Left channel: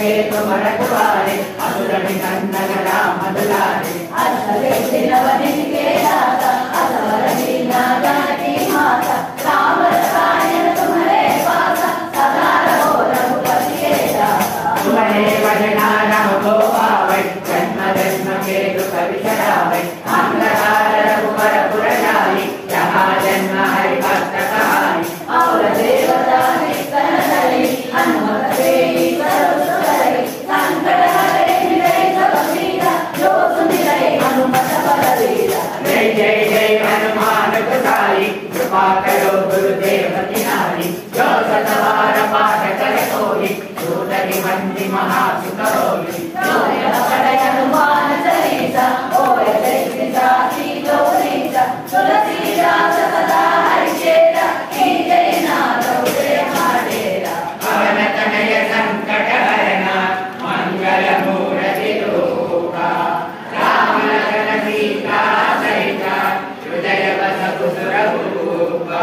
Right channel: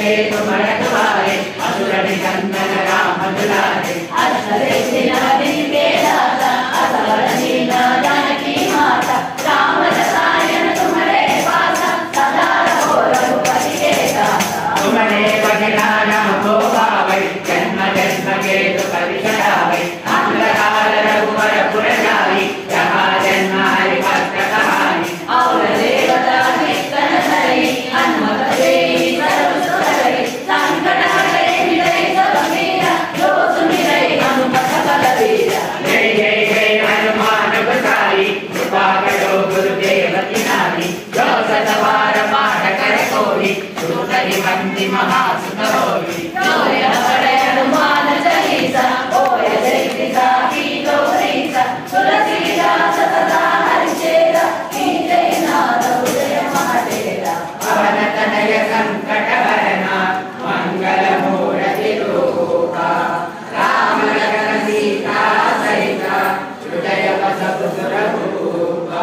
के तुमर तुम्हारे असुर निकंदन राम दुलारे अष्टदेशी नवदीप के दाता असवर लीला जानकी माता राम रसायन तुम्हारे पासा सदा रहो रघुपति के दाता तुम्हारे भजना नाम को पावै जन्म जन्म के दुख विषयावै अंधकार रघुवर पुर जाई जहाँ जन्म हरि भक्त कहाई और देवता कीर्तन करे हनुमत देई सर्व सुख संकट हरे मिलै सब पीरा जो सुमिरै हनुमत बलबीरा जय जय जय हनुमान गोसाई कृपा करो गुरुदेव की नारी जो सतबार पाठ करे कोई सूतरि बंदी महासुख होई जोय पढ़े हनुमान चालीसा ओय जयसिता की गौरीसा तुलसीदास सदा हरिचेरा की जय नाथ उदय माडेरा पवन तनय संकट हरना मंगल मूर्ति रूपा राम लखन सीता सहिता हृदय बसहु सुरभूपा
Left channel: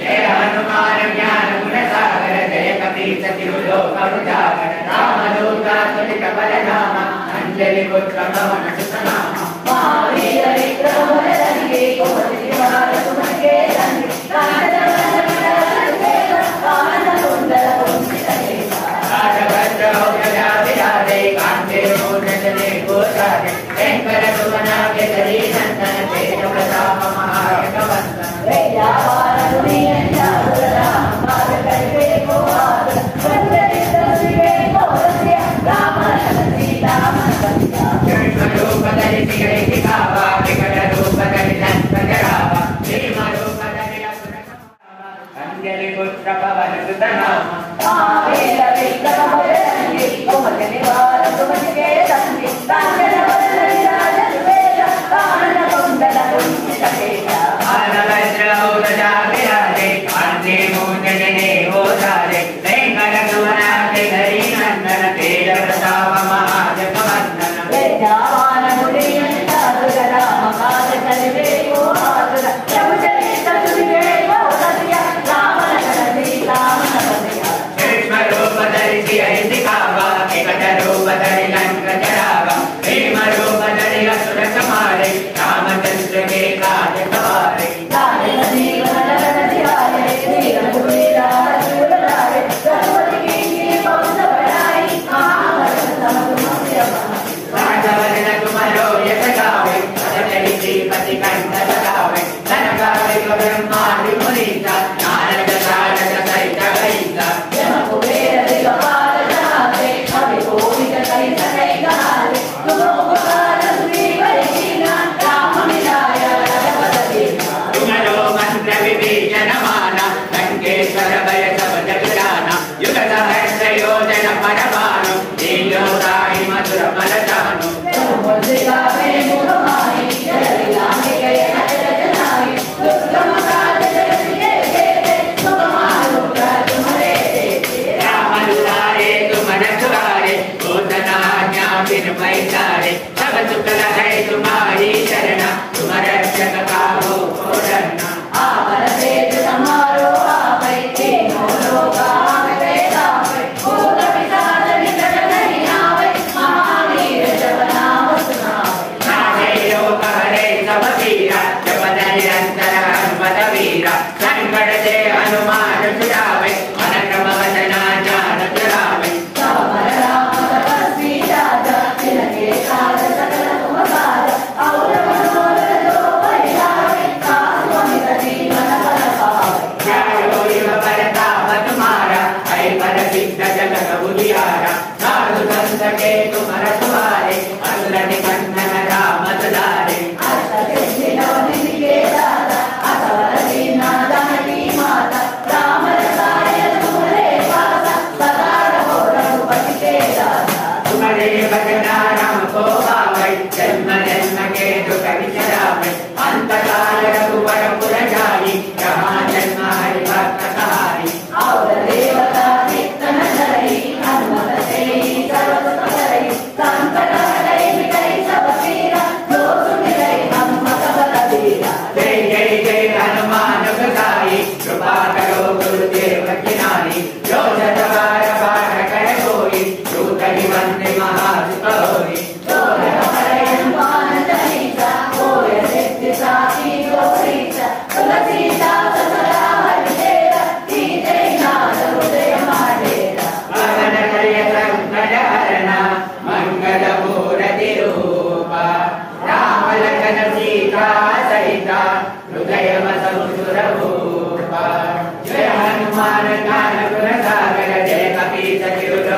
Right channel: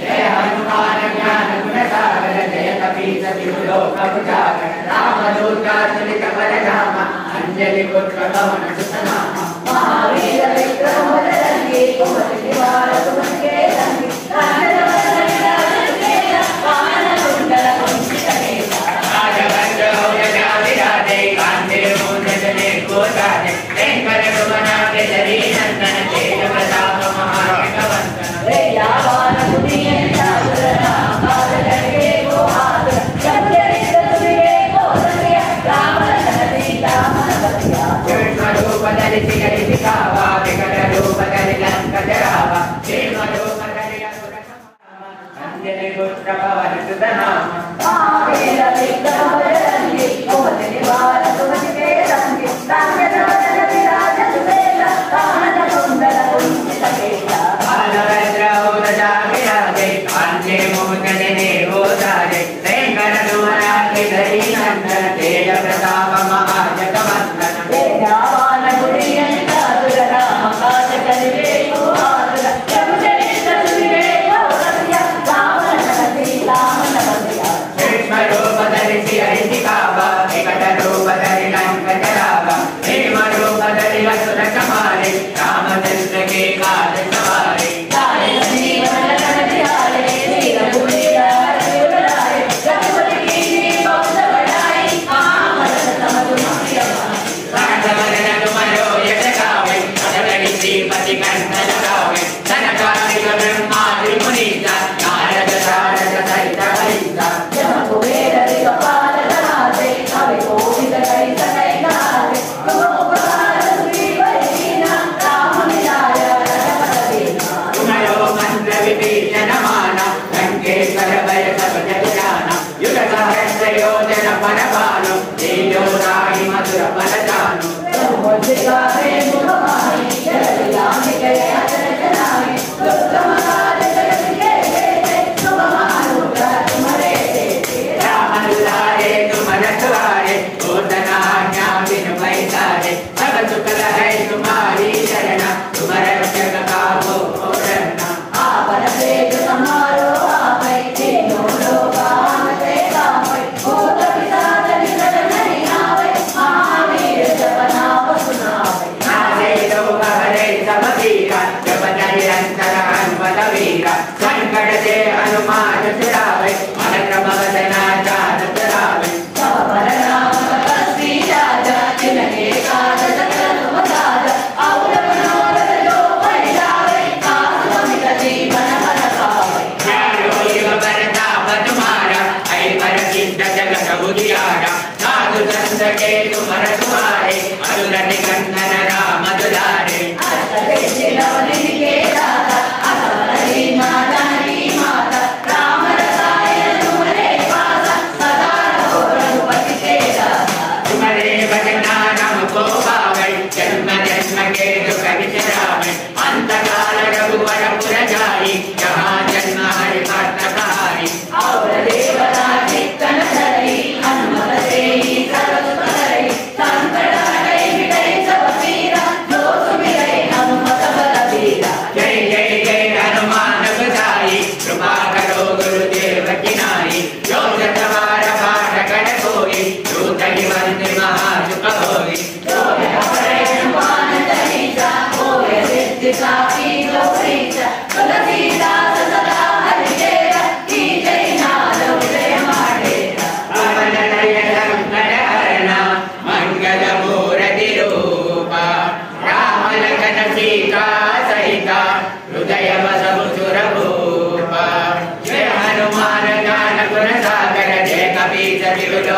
जय हनुमान ज्ञान गुण सागर जय कपीस तिहु लोक उजागर रामदूत अतुलित बल धामा अंजलि पुत्र पवन सुत नामा महावीर विक्रम बजरंगी कुमति निवार सुमति रंगी कांचन वदन विराजन केसा कानन कुंडल कुंचित केसा राजभद्र औजसा विराजे कांधे मूंज जने गोसाजे वेंकट सुमन केसरी नंदन तेज प्रताप महाविष्णुवंदन दयावान दुनियन जागर राम बाल करके को आदर चंद्रित विवेक को रसिया राम लखन सीता मन बसिया कृष्ण रूप धरि सिगरि सिखावा विकट रूप धरि लंक जरावा भीम रूप धरि असुर संहारा अंजलि पुत्र पवन सुत नामा महावीर विक्रम बजरंगी कुमति निवार सुमति के रंगी कांचन वदन विराजन केसा कानन कुंडल कुंचित केसा बालभद्र औजसा विराजे कांधे मूंज जने गोसाजे वेंकट सुमन केसरी नंदन तेज प्रताप महाजगवंदन दयावान गुणियन सागर राम बाल करके को आदर जमचरित विवेक को रसिया राम लखन सीता मन बसिया कृष्ण रूप धरि सिगरि सिखावा विकट रूप धरि लंक जरावा भीम रूप धरि असुर संहारे रामचंद्र के काज सवारे गाय जीवन लखन बिहारे श्री रघुवीर हरि बुलाए रघुपति कीन्ही बहुत बड़ाई महामन तम तुम प्रिय भाई तुमरो यश गावे सतत श्रीपति कंठ लगावे सनकादिक ब्रह्मादि मुनीसा नारद सारद सहित कईसा जम कुबेर दिगपाल धराते कवि कोविद कई सदै गाते तुम उपकार सुग्रीव कीन्हा राम मिलाय रघुपत दीन्हा तुम्हारो मंत्र विभीषण माना लंकेश्वर भय सब जग जाना युग सहस्र योजन पर भानु लील्यो राहि मधुर फल जानु गावे मुख माहि जय लागे गए अचल जनाहि दुर्गम काज जगत के तुम मारो तुम्हारे राम दुलारे तुम रखवारे पूर्ण आज्ञा बिन पैसारे सब सुख रहे तुम्हारी शरणा तुम रक्षक काहू को डरना आपन तेज समारो आपै तीनों लोक आपै तापै भूत पिशाच निकट नहीं आवै महावीर जप नाम सुनावै नारे लोक हरे सब पीरा जप निरंतर हनुमत वीरा संकट से हनुमान छुड़ावे मन क्रम वदना ध्यान करावे सब बल राम तपस्वी राजा जिनके काज सकल तुम साजा और मनोरथ जो बन जावे काज अमित जीवन फल पावे चारों युग परताप तुम्हारा ऐ पर सिद्ध जगत बुझियारा साधु संत के तुम रखवारे असुर निकंदन राम दुलारे अष्टदेशी नवदीप के दाता असवर लीला जानकी माता राम रसायन तुम्हारे पासा सदा रहो रघुपति के दाता तुम्हारे भजना नाम को पावै जन्म जन्म के दुख विसरावै अंतकाल रघुवर पुर जाई जहाँ जन्म हरि भक्त कहाई और देवता कीर्तन करे हनुमत देई सर्व सुख करे संकट हरै मिटै सब पीरा जो सुमिरै हनुमत बलबीरा जय जय जय हनुमान गोसाई कृपा करो गुरुदेव की नारी जो सतबार पाठ कर कोई दूत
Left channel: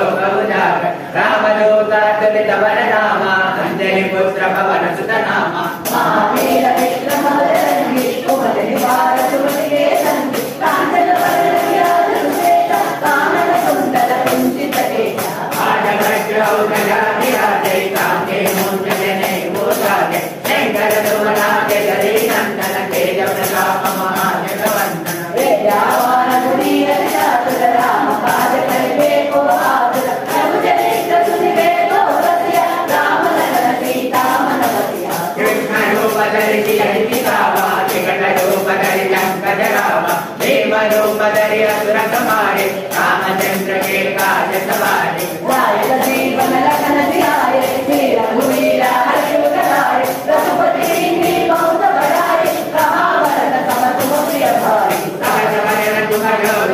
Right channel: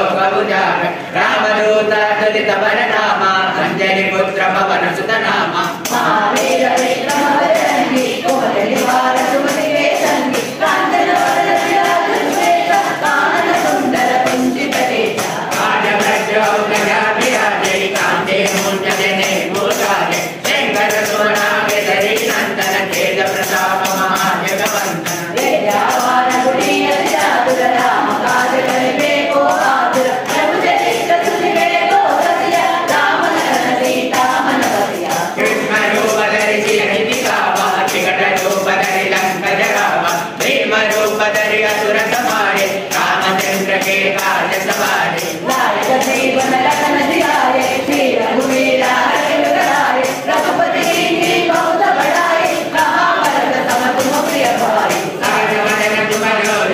लोकमुदार रामदूत दुलित वरनाम अंजलि पुत्र पवन सुत नाम महावीर विक्रम बजरंगी कुमति निवार सुमति वेदंगी कांचन वदन विराज सुवेश कानन कुंडल कुंचित केश काजगज्जौघधा विराजे कांते मूंज जने भूषाजे शंकर सुमनागे धरी नंदन तेज प्रताप महाजगवंदन विद्यावान गुणीय चातुर राम काज करिबे को आतुर प्रभु चरित्र सुनिबे को सतिया राम लखन सीता मन बतिया कृष्ण रूप धरि सियहि दिखावा विकट रूप धरि लंक जरावा भीम रूप धरि असुर संहारे रामचंद्र के काज सवारे नायक जीवन लखन ध्याये श्री रघुवीर हर्ष कराये रघुपति की बहुत बढ़ाई कहा भरत तम तुम प्रिय भाई सहज वदन तुम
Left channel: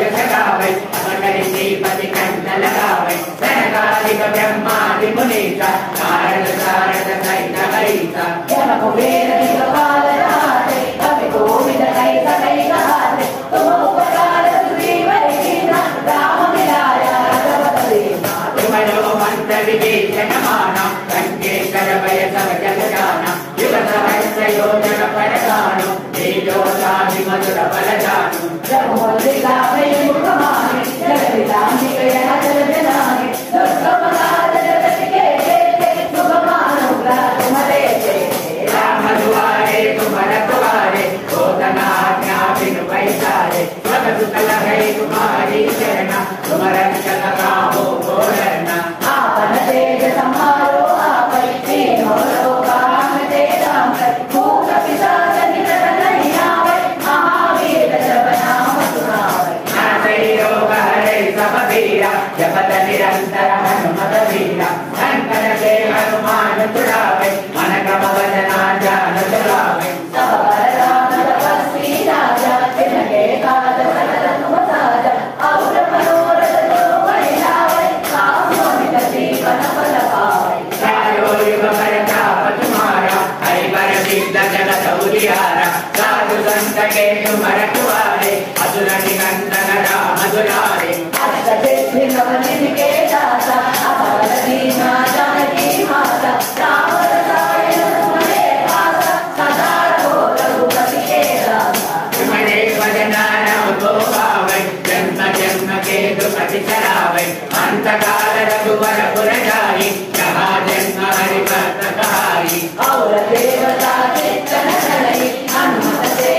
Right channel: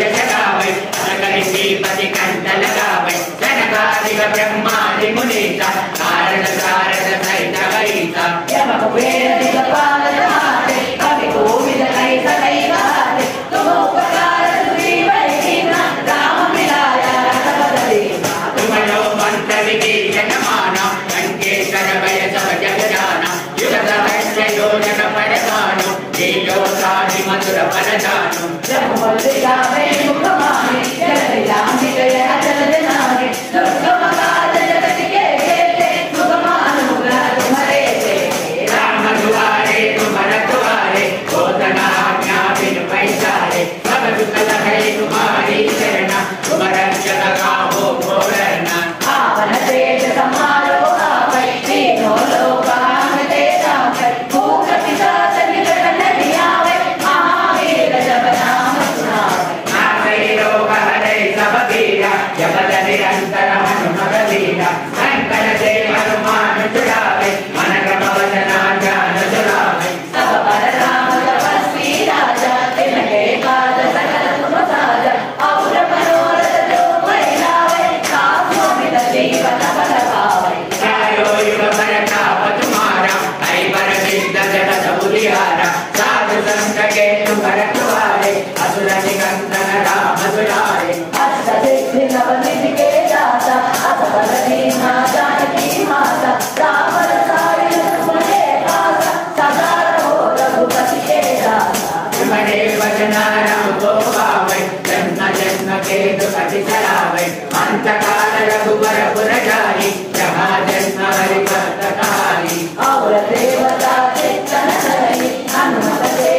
यश गावै सकल श्रीपति कंठ लगावै सनकादिक ब्रह्मादि मुनीसा नारद सारद सहित हरिसा यम कुबेर दिगपाल जाते कवि कोविद कई सकई कहाते तुम उपकार सुग्रीव कीना राम मिलाया रघुपति दीना तुम जो मंत्र विभीषण माना लंकेश्वर भय सब जग जाना युग सहस्र योजन पर जानो लीलो साहि मधुर फल जानो रघुपति गावे मुख माहे जगति लांघित यह जल जनाने दुर्गम काज जगत के जेते मुख मानो ग्रह तुम्हारे जेते राम दुआरे तुम रखवारे होतना आज्ञा बिनु पैसारे सब दुख लहे तुम्हारी शरणा तुम रक्षक काहो भोरना आपन तेज समारो आपै तीनों लोक आमते सामै भूत पिशाच निकट नहीं आवे महावीर जब नाम सुनावे नासै रोग हरै सब पीरा जपत निरंतर हनुमत वीरा शंकर से हनुमान छुड़ावे मन क्रम वचना ध्यान चलावे सब पर राम तपस्वी राजा तिनके काज सकल तुम साजा और मनोरथ जो कोई लावे साधु अमित जीवन फल पावे चारो युग परताप तुम्हारा है पर सिद्ध जगत उजियारा साधु संत के तुम रखवारे असुर निकंदन राम दुलारे अष्ट सिद्धि नव निधि के दाता असफल दीना जानकी माता राम रसायन तुम्हारे पासा सदा रहो रघुपति के दाता तुम्हारे भजना राम को पावे जन्म जन्म के दुख बिसरावे अंत काल रघुवर पुर जाई जहाँ जन्म हरि भक्त कहाई और देवता चित्तन धरई हनुमत से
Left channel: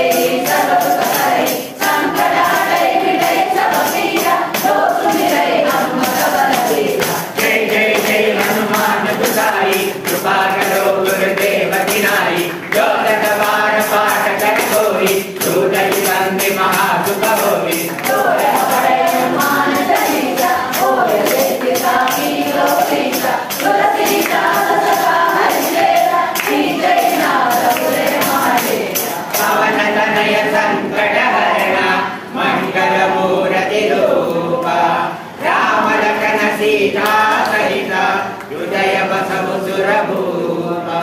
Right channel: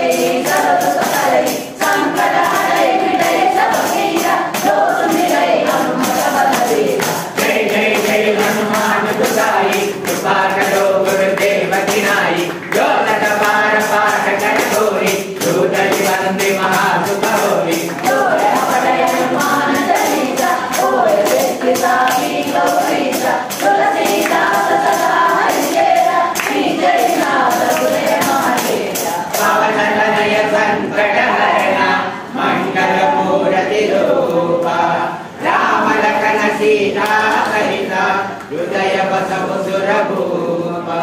सब सुख करई संकट हरई मिटई सब पीरा जो सुमिरै हनुमत बल बीरा जय जय जय हनुमान दुसाई कृपा करो गुरुदेव की नाई जो लट बार पाठ कर कोई दूत बंदी महासुख होई जो है बड़े हनुमान चालीसा ओए सिद्धिसा की गौरीसा तुलसीदास सदा हरिचेरा जय नाथ पुरे महादेवा पवन तनय संकट हरणा मंगल मूर्ति रूपा राम लखन सीता सहिता हृदय बसहु सुर भूपा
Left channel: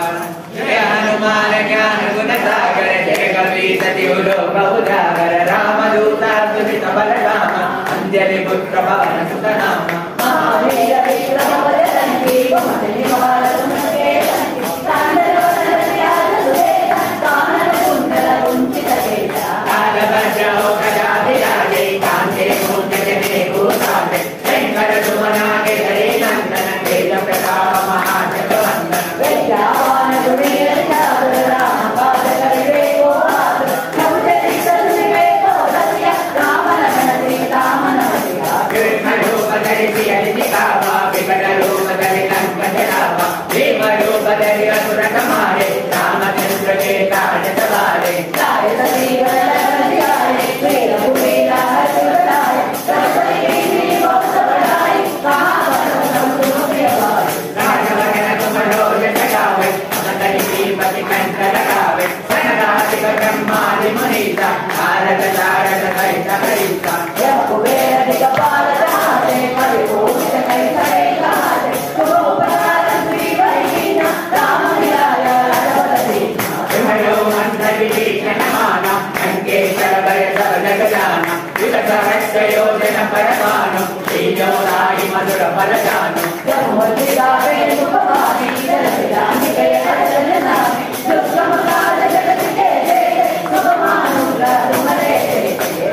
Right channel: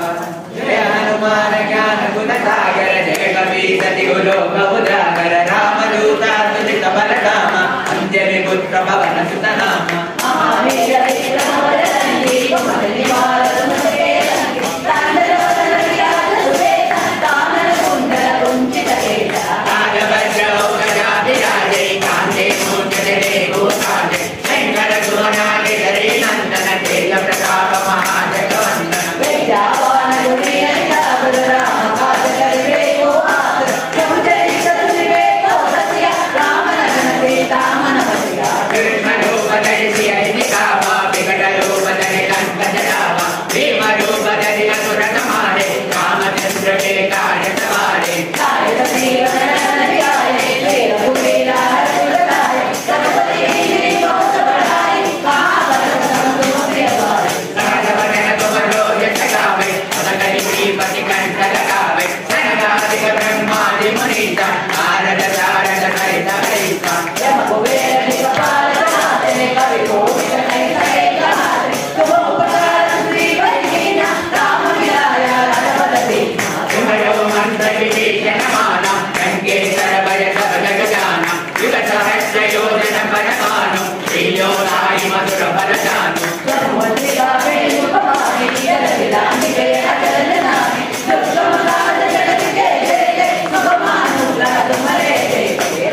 जय हनुमान ज्ञान गुण सागर जय कपीस तिहु लोक उजागर रामदूत तुलित बलधामा अंजलि पुत्र पवन सुत नाम महावीर विक्रम बजरंगी कुमति निवार सुमति वेदंगी कांचन वदन विराज सुवेश कानन कुंडल कुंचित केश काजगज्जौघधा विराजे कांते मूंज जने भूषाजे शंकर सुमनागे धरी नंदन तेज प्रताप महाजगवंदन विद्यावान गुणीय चातुर राम काज करिबे को आतुर प्रभु चरित्र सुनिबे को सतिया राम लखन सीता मन बतिया कृष्ण दानु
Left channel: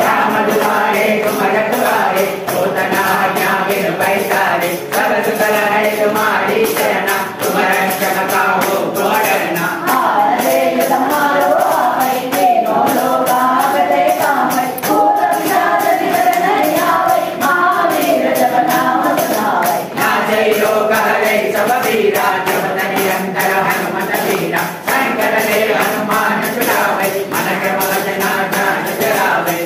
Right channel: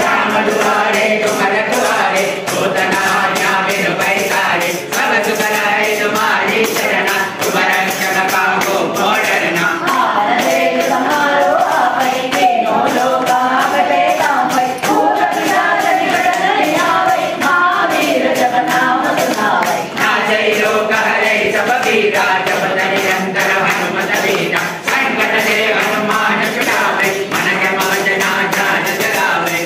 राम दुआरे तुम रखवारे होतना आज्ञा बिन पैसारे सब सुख रहे तुम्हारी शरण तुम रक्षक काहू को डरना नाचै लोक हरे सब वीरा जपत निरंतर हनुमत वीरा संकट से हनुमान छुड़ावे मन क्रम वचना ध्यान जगावे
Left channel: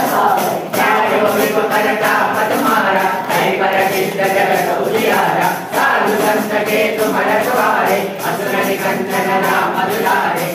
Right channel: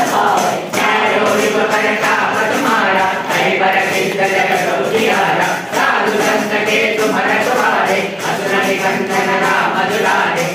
चारों युग पर कामत मारा कई पर सिद्ध जगत उजियारा साधु संत के तुम रखवारे असुर निकंदन राम दुलारे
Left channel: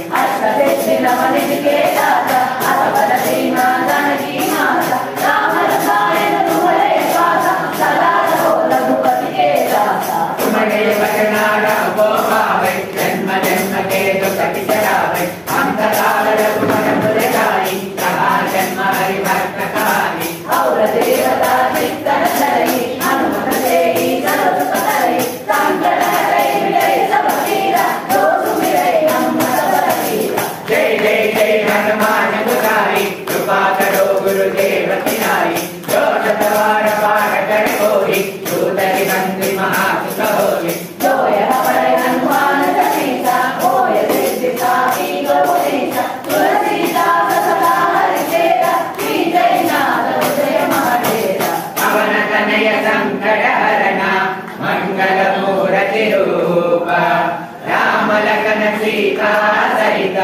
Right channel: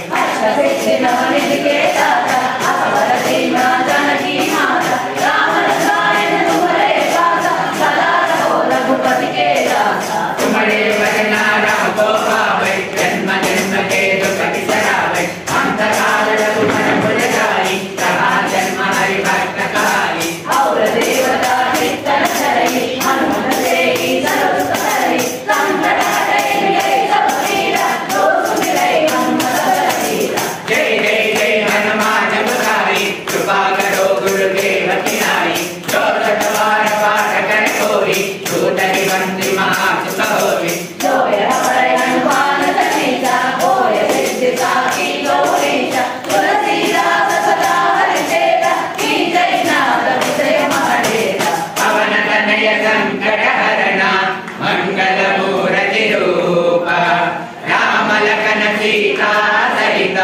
तुम्हारे वचना राम को पावे जन्म जन्म के दुख बिसरावे अंत काल तुम्हारे भुल जाई रहा जन्म हरि भक्त काली और देवता चित्तन धरई हनुमत देहि सर्व करई संकट हरै मिटै सब पीड़ा दोष मिटै हनुमत बलबीरा जय जय जय हनुमान गुसाई कृपा करो गुरुदेव की नाई जो सतवार पाठ कर कोई दूतरि बंदी महासुख होई जोय हरै हनुमान चालीसा होय सिद्धि साखी गौरीशा तुलसीदास सदा हरिचेता की जय नाथ जय महादेवा पवन तनय संकट हरना मंगल मूर्ति रूप राम लखन सीता सहित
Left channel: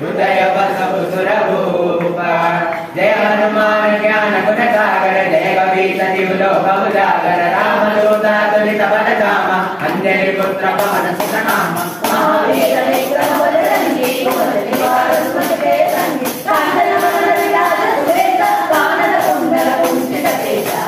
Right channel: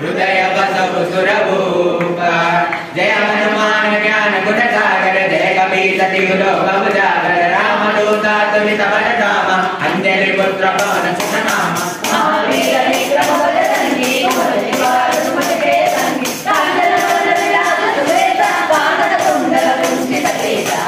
हृदय बसहु सुरभूप जय हनुमान ज्ञान गुण सागर जय कपीस तिहु लोक उजागर राम दूत तुलित बल धाम अंजलि पुत्र पवन सुत नाम महावीर विक्रम बजरंगी बलिहार सुमति संगी कांचन वरन विराज सुवेता कानन कुंडल कुंचित केसा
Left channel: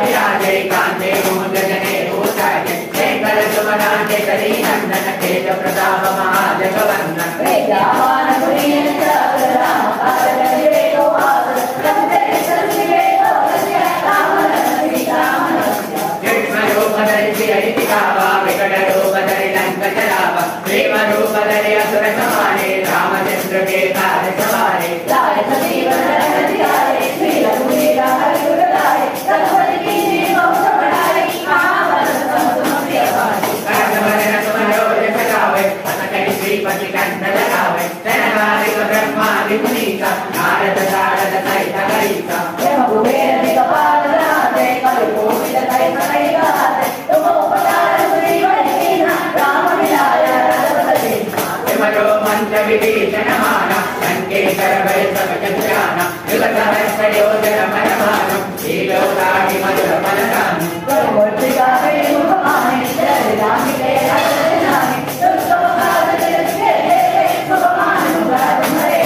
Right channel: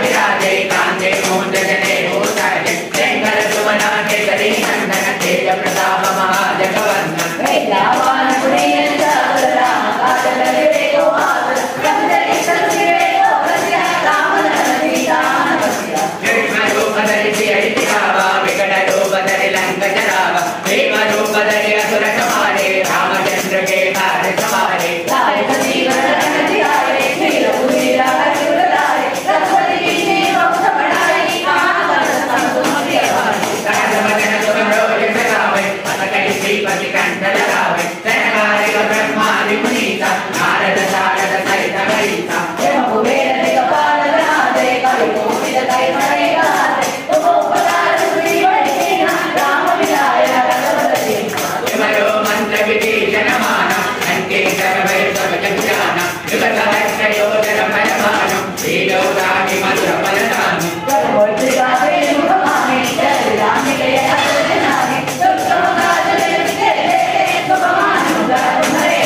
विराजे कांते मोहन जगने भूषाजे शंकर सुमना केसरी नंदन तेज प्रताप महाजगवंदन विद्यावान गुणीयन चातुर राम काज करिवे को आतुर कपितरे संजीवे को वश्य राम लखन सीता हनुमत जन्म रूप धरि सियहि दिखावा विकट रूप धरि लंक जरावा प्रेम रूप धरि असुर संहारे रामचंद्र के काज सवारे लाय जीवन रखन जियाए नील पुनीला हरि गुण गाए रघुपति कीन्ही बहुत बड़ाई आपन सब तुम प्रिय भाई सहज वचन तुम रोज सगावे अस कहि श्रीपति कंठ लगावे जयकारि ब्रह्मादि मुनीसा नारद सारद सहित गणिसा ब्रह्म कुबेर दिगपाल धराते कवि कोटित कई मणि गाते तुम उपकार श्री वैष्णव राम मिलाय रघुपति विमलो मंत्र विभीषण माना लंकेश्वर भय सब जग जाना युग सहस्र योजन भय भानु श्रीलोकाहि मधुर फलदानु प्रभुति गावे मुखमाने जय राम के हर नामे दुर्गम काल जगते तुम मानुगार मरे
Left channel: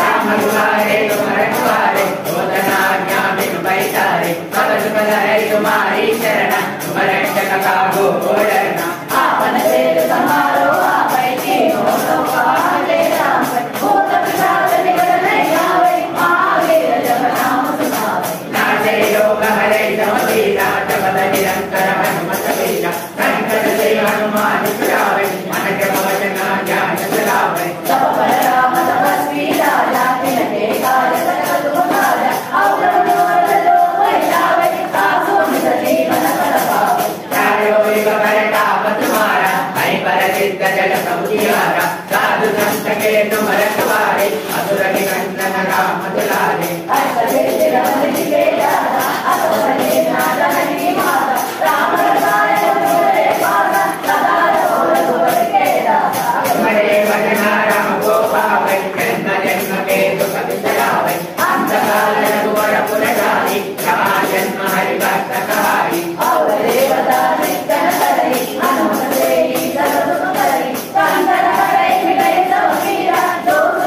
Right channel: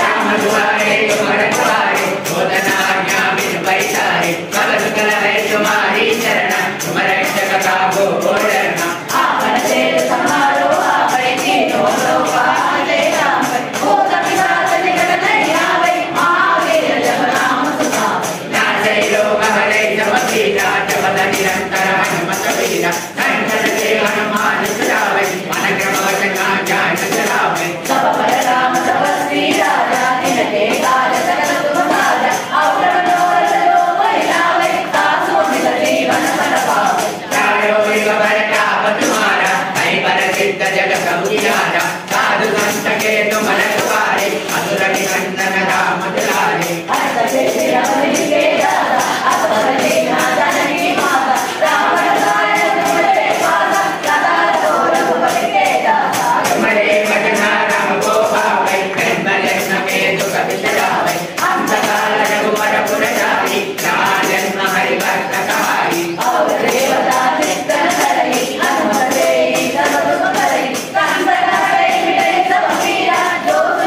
राम दुआरे तुम रखवारे होतना आज्ञा बिन पैसारे सब सुख है तुम्हारी शरण तुम रक्षक काहू को डरना आपन सेत समारो आपै तीनों लोक आले राम भूत पिशाच निकट नहीं आवे महावीर जब नाम सुनावे नाचै लोक हरे सब वीरा जपत निरंतर हनुमत वीरा संकट से हनुमान छुड़ावे मन क्रम वचना ध्यान जगावे सब पर राम तपस्वी राजा तिनके काल सकल तुम साजा और मनोरथ जो कोई लावे तासु निज जीवन फल पावे चारों युग पर काप तुम्हारा कहीं पर सिद्ध जगत उजियारा साधु संत के तुम रखवारे असुर निकंदन राम दुलारे हस्त सिद्धि रमणि के दाता असुर दीना जननी माता राम रसायन तुमरे पासा सदा रहो रघुपति के दाता तुम्हारे वचना राम को पावे जन्म जन्म के दुख बिसरावे अंत काल रघुवर पुर जाई रहा जन्म हरि भक्त कहाई और देवता चित्तन धरई हनुमत देहि सर्व सुख करई संकट हरै मिटै सब पीड़ा दोष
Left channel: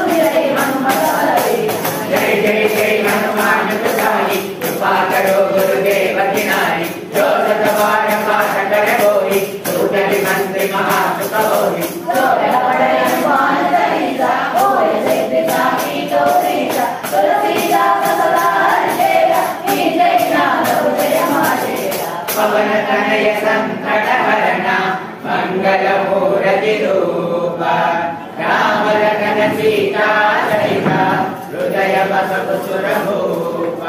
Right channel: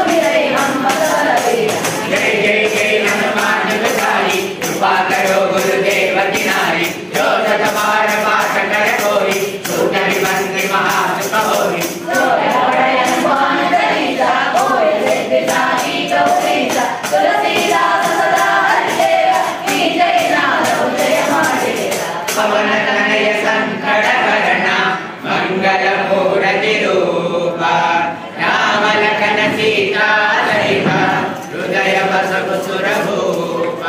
मूरतिरूप राम लखन सीता सहित हृदय बसव सुरभूप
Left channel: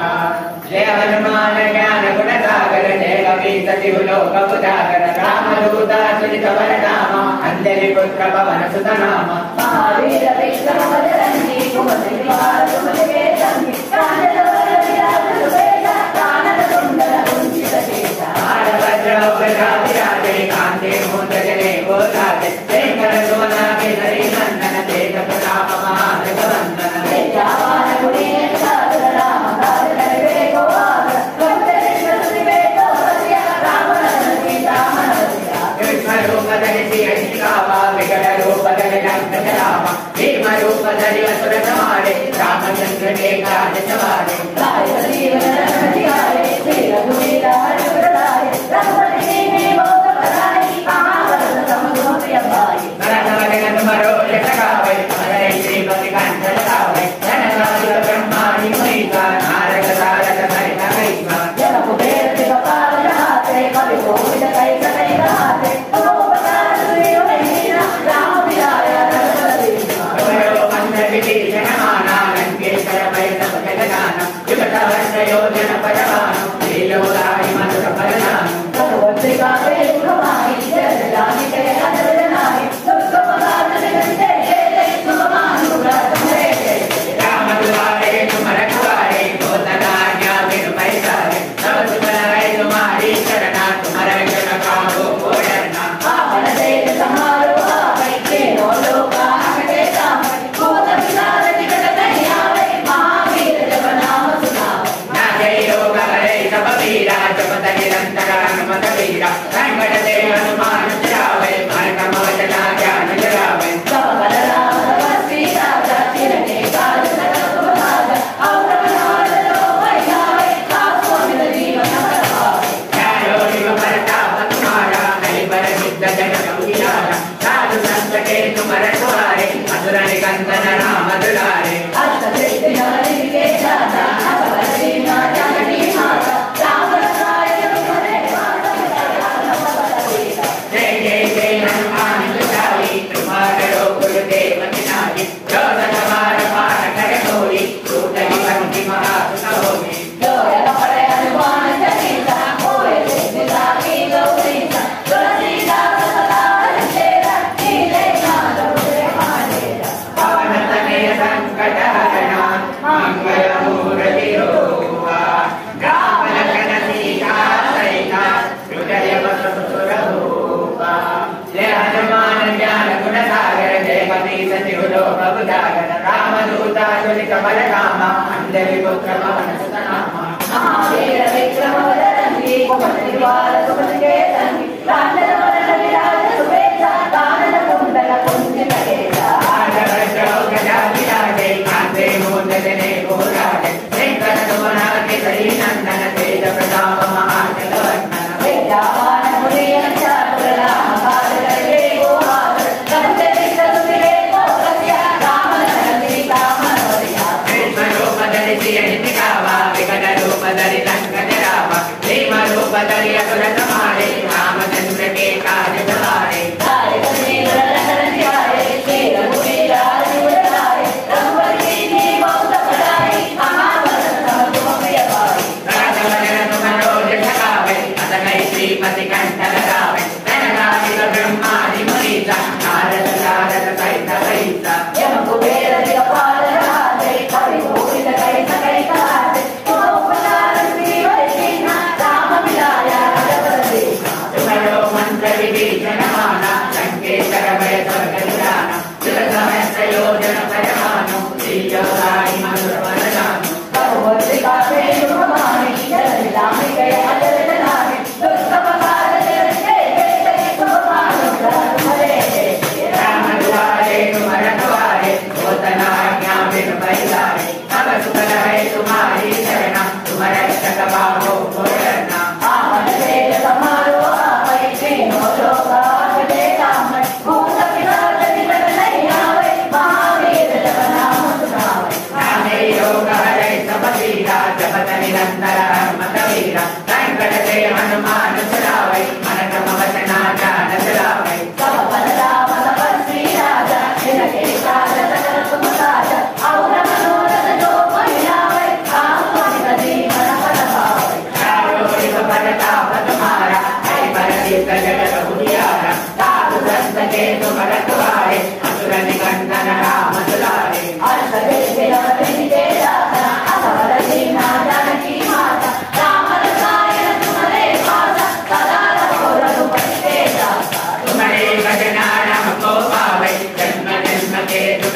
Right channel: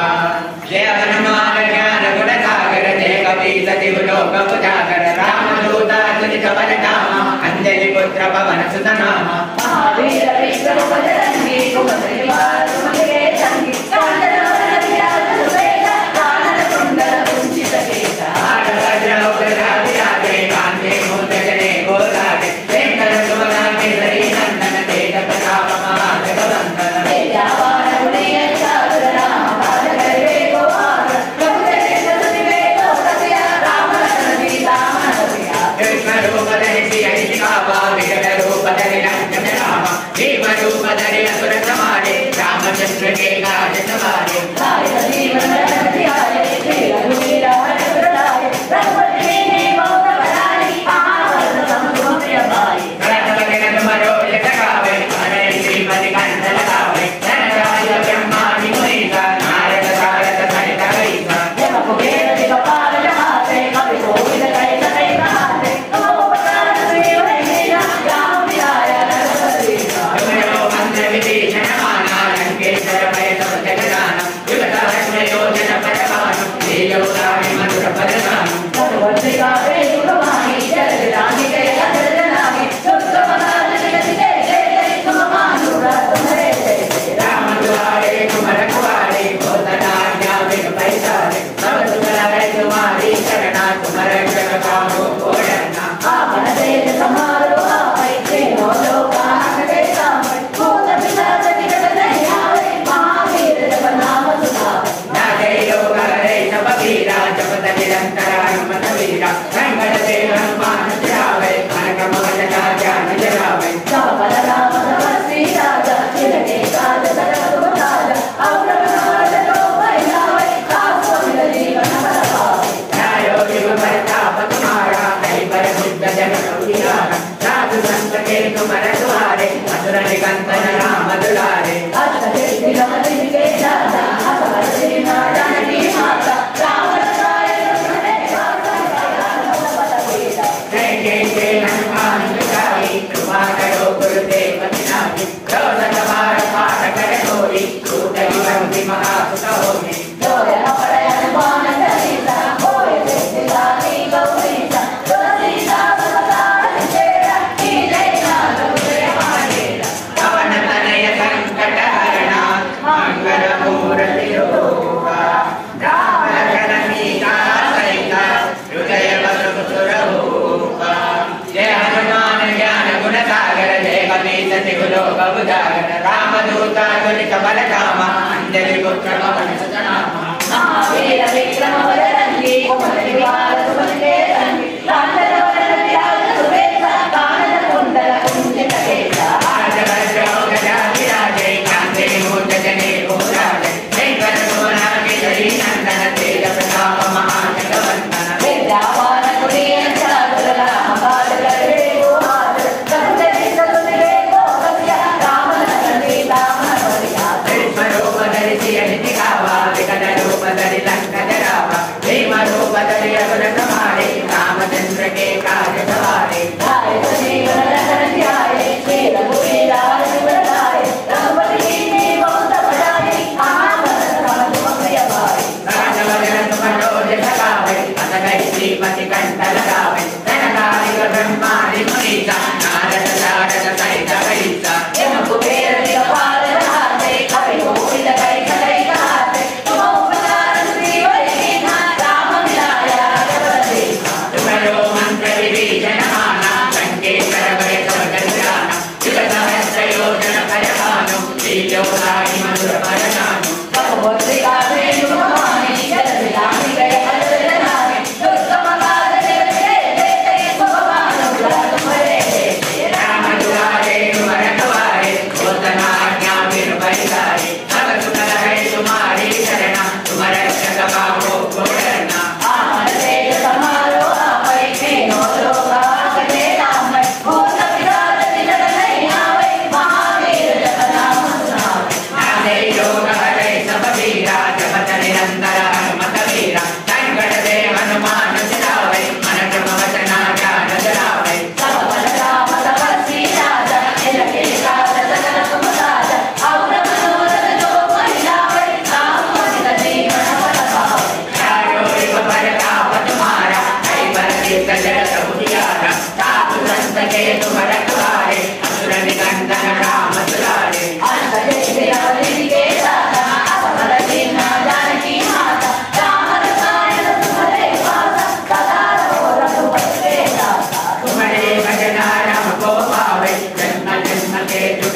जय हनुमान ज्ञान गुण सागर जय कपीस तिहु लोक उजागर रामदूत तुझ वर धाम अंजलि पुत्र पवन सुत नाम महावीर विक्रम बजरंगी कुमति निवार तुमके संगी कांचन विराज सुबेदा कानन कुंडल कुंचित केसा वज्र वज्राभिराजे कांते मुद्गरे गोदारे शेखर सुमना केसरी नंदन तेज प्रताप महाजगवंदन तेजावान गुणीय सागर राम काज करे को आग प्रभु चरित्र सुनिवे को सत्य राम लखन सीता मन प्रिया कृष्ण रूप धरि सियहि दिखावा विकट रूप धरि लंक रामा भीम रूप धरि असुर संहारे रामचंद्र के काज सवारे कार्य जीवन रन तिहारे खेल लीला रघुराई रघुपति की बहुत बड़ाई महावत सम गुण प्रिय भाई रथ वदन मरोज सखावे हरे श्रीपति कंठ लगावे धनराज ब्रह्मादि मुनीसा नारद सारद सहित कईसा जब कुबेर के कपाल जहाते कवि कोविद कई सकै गाते तुम उपकार सुनियो मीरा राम विराय रघुपति अवयो मंत्र विभीषण माना लंकेश्वर भय सब जग जाना युगसहस्र योजन पदवानु लीलोदारि मधुर पदनानु सर्वत्र का वेद कमाई जय रानी के अजर नामी दुख मदान जगत जय जय जय तुम मानुराज हरे जय राम दुआरे तुम रखवारे होतना आज्ञा बिनु पैसारे सब सुख लाए तुम्हारी शरणा तुम्हारे जग कामो को डरना आपन तेज समारो आए तीनों लोक आकटे सामय भूत पिशाच निकट नहीं आवे महावीर जब नाम सुनावे जय लोक हरे सब वीरा जपत निरंतर हनुमत वीरा संकट ते हनुमान जावे मन मोह ज्ञान जगावे जावन राम तपस्वी राजा तिनके काज सकल तुम काज और बनार लो भैयावे आप सुन जीवन भर पावे न्यायो शिव प्रताप तुम्हारा हरि पर सिद्ध जगत उजियारा साधु संत के तुम रखवारे मधुर निकंदन राम दुलारे अष्ट सिद्धि नवनिधि के दाता अभय सीमा जानकी माता राम रसाय तुम्हारे वासा राम बल बीता जय जय जय हनुमान जुटाई तुम्हारे गुरुदेव पिताजी जो सतबार पाठ करे होई टूटहि बंधि महासुत होई जोय हमारे हनुमान चालीसा होए सिद्धिदा की गौरीसा तुलसीदास सदा हरिचेरा कीले नाथ उतरे महाडेरा पवन तनय संकट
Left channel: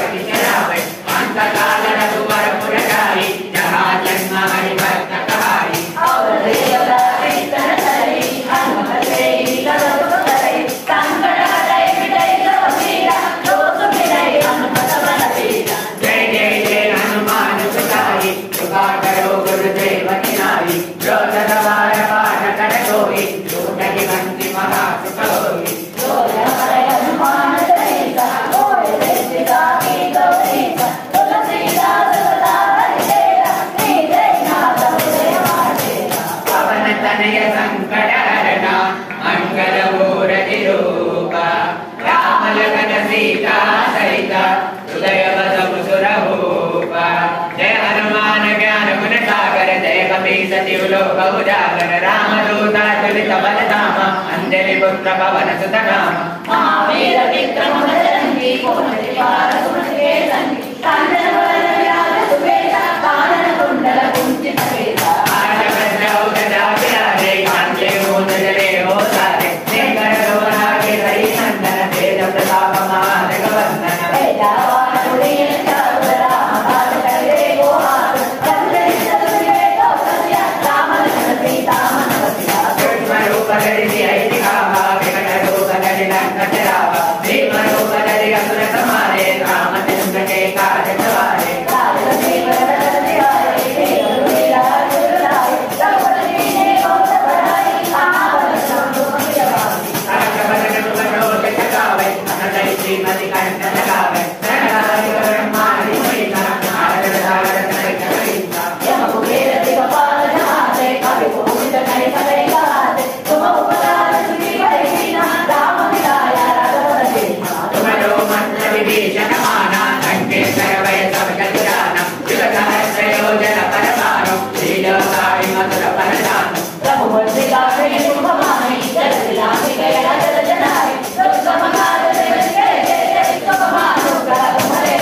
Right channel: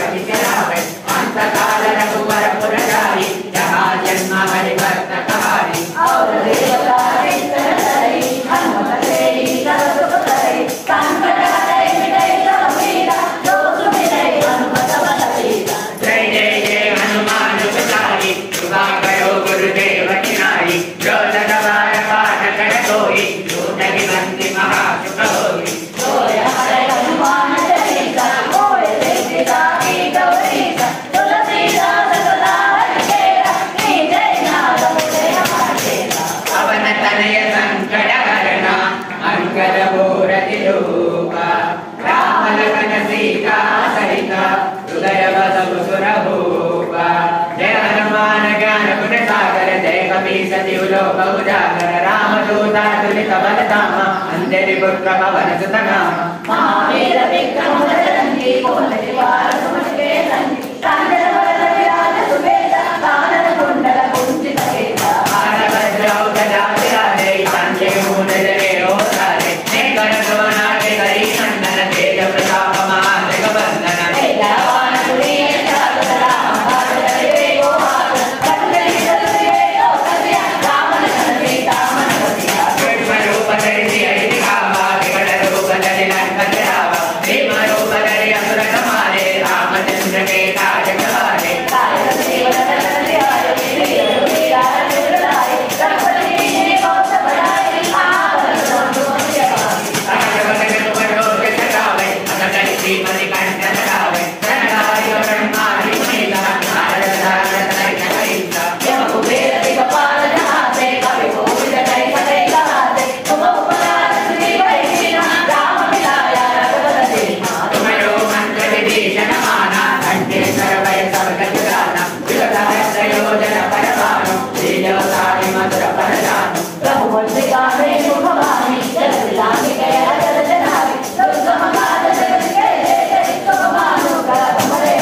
प्रतिचरावे अंतकाल रघुवर पुरजाई जहाँ जन्म हरि भक्त कहारी और देवता इतर हरि हनुमत से तब सुख करे संकट हरै मिटै सब पीड़ा जो सुमिरै हनुमत बल बीरा जय जय जय हनुमान गोसाई कृपा करो गुरुदेव की नाई जो लगवार पाठ कर कोई जो जगवंती महासुख होई होय हरै हनुमान चालीसा होय सीता की गौरीसा तुलसीदास सदा हरिकेरा जय नाथ जय मातेरा पवन तनय संकट हरना मंगल मूर्ति रूपा राम लखन सीता सहित हृदय बसव सुर भूपा जय हनुमान ज्ञान गुण सागर जय कपीस तिहु लोक उजागर राम दूता तुलित बलधाम अंजलि पुत्र पवन सुत नाम महावीर विक्रम बजरंगी कुमति निवार सुमति संगी कांचन वदन विराज सुबेसा कानन कुंडल कुंचित केसा आज वज्रौ गदा विराजे कांचे मूंज रे हो सारे नेकर सोना के हरि नंदन तेज प्रताप महादेव वंदन वेदावान पुरी चारुतरा महाजय वेगो हाथ रंगली चतुर्वे कौसल्या राम लखन सीता मन बसिया रूप धरि सिय दिखावा विकट रूप धरि लंक जरावा भीम रूप धरि असुर संहारे रामचंद्र के काज सवारे राय जीवन रतन दिवाय श्री रघुवीरा रघुराय रघुपति ने बहुत बड़ाई महाबल संतु मध्याई राजभवन रघुवर जगावे अकल श्रीमति कंठ लगावे धनधारी ब्रह्मादि महिमा भारत धारत कहिता यह कुबेर दिगपाल नहाते कवि कोविद कहि सदै कहाते तुम उपकार सुनि भैया राम मिलाया रघुवर दीना तुम्हारो मंत्र विभीषण माना लंकेश्वर वै सब जग जाना विदधर प्रयोजन परमाणु श्रीलोकारि मधुर परदानु रघुवंशी गावे मुखवाणी जल दिलामी गया जल जनाई दुर्गम काज जगत के तुम मानु कर तुम्हारे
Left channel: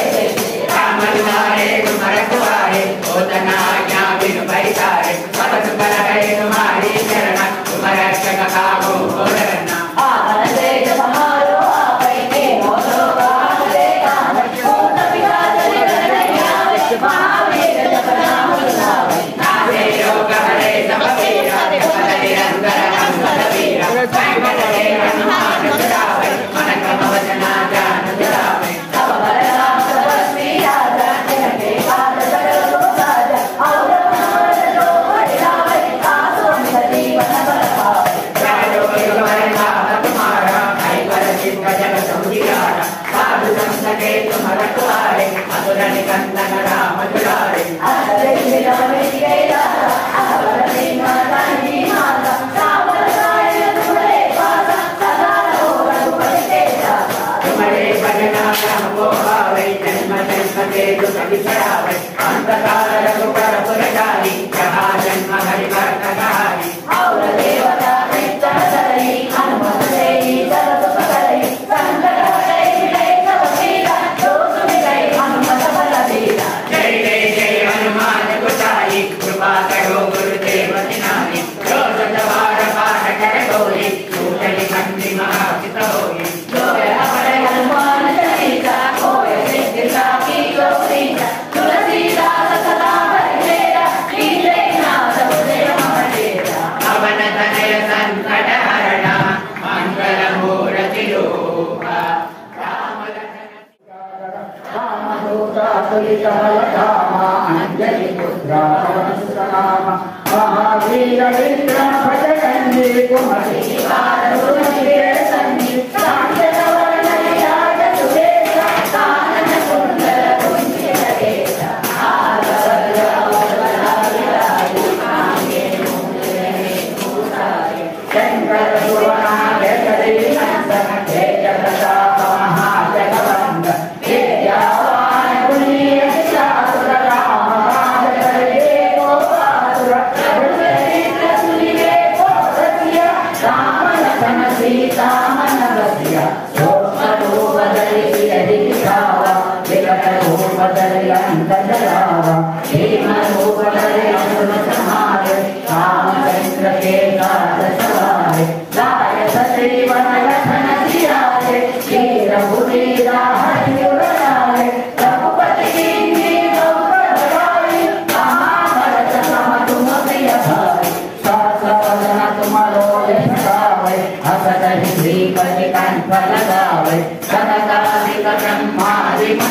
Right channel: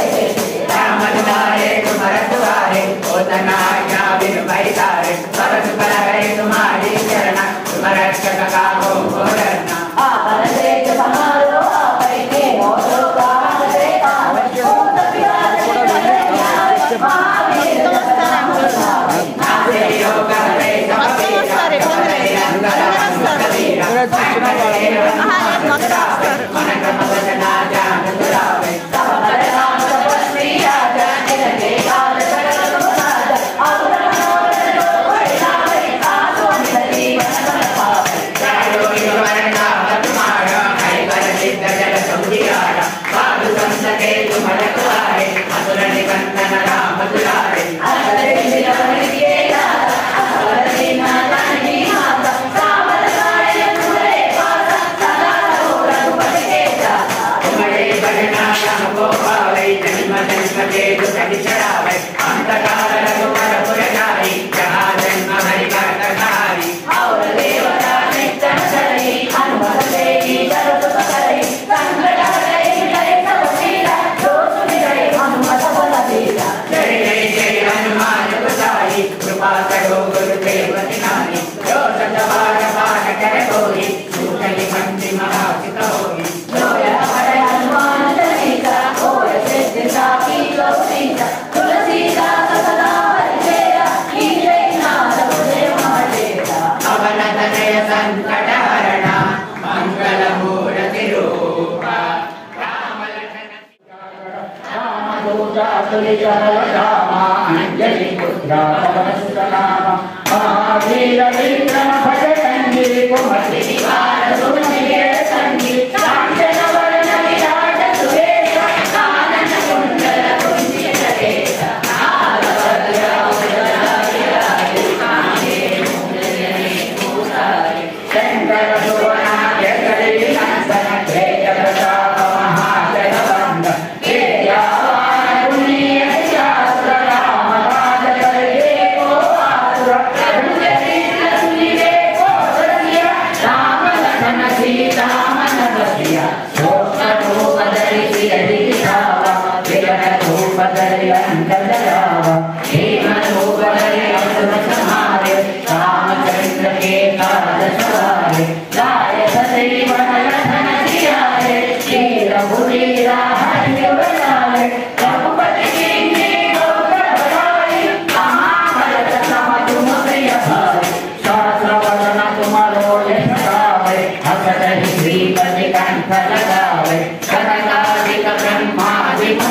राम दुआरे तुम्हार दुआरे ओतना आज्ञा बिनु पैसारे सब सुख है तुम्हारी चरण तुम रक्षक काहू को डरना आवन तेज समारो आवै के होतो गान रे गावै भूत पिशाच निकट आवे महावीर जप नाम सुनावै नासे योग हरे सब पीरा हरे अंतर अंतर वीरा संकट रे हनुमान छुड़ावे मन क्रम वचना ध्यान धरावे तब बल राम तपस्वी राजा जिनके काज सकल सुख साजा और मनोरथ जो कोई लावे आसु निज जीवन फल पावै चारो युग नाम तुम्हारा कैवल सिद्ध जग संधियारा साधु संत के तुम रखवारे असुर निकंदन राम दुलारे अरे दिलवन के दाता अवर दीना जानकी माता कावल गाय तुमरे पासा सदा रहो रघुपति के दाता तुम्हारे भजना हमको पावे जन्म जन्म के दुख बिसरावे अंतकाल रघुवर पुरजाई जहाँ जन्म हरि भक्त कहारी और देवता नित्य सदै हनुमत से सर्व सुख करे संकट हरै मिटै सब पीड़ा जो सुमिरै हनुमत बल बीरा जय जय जय हनुमान गोसाई कृपा करो गुरुदेव की नाई जो सतवार पाठ कर कोई सूखली कंठी महासित होई होय हरै हनुमान चालीसा होय सिद्धिसा की गौरीसा तुलसीदास सदा हरिकेरा जय नाथ जय मातेरा पवन तनय संकट हरना मंगल मूर्ति रूपा राम लखन रामदूता तुलित बलधामा अंजलि पुत्र पवन सुत नामा महावीर विक्रम भजरंगी कुमति निवार सुमति संगी कांचन वदन विराज सुबेसा कानन कुंडल कुंचित केसा नाग वज्र विराजे कांचे मूंजने भूषाये शंकर सुवनाग्र करी नंदन तेज प्रताप महाजय वंद विद्यावान पुण्य चातुर राम काज करे को आतुर रंजनी सुनिरे को रसिया राम लखन सीता मन बसिया रूप धरि सिय दिखावा विकट रूप धरि लंक जरावा भीम रूप धरि असुर संहारे रामचंद्र के काज सवारे गाय जीवन लखन जियारे श्री रघुवीरा हरि बनाए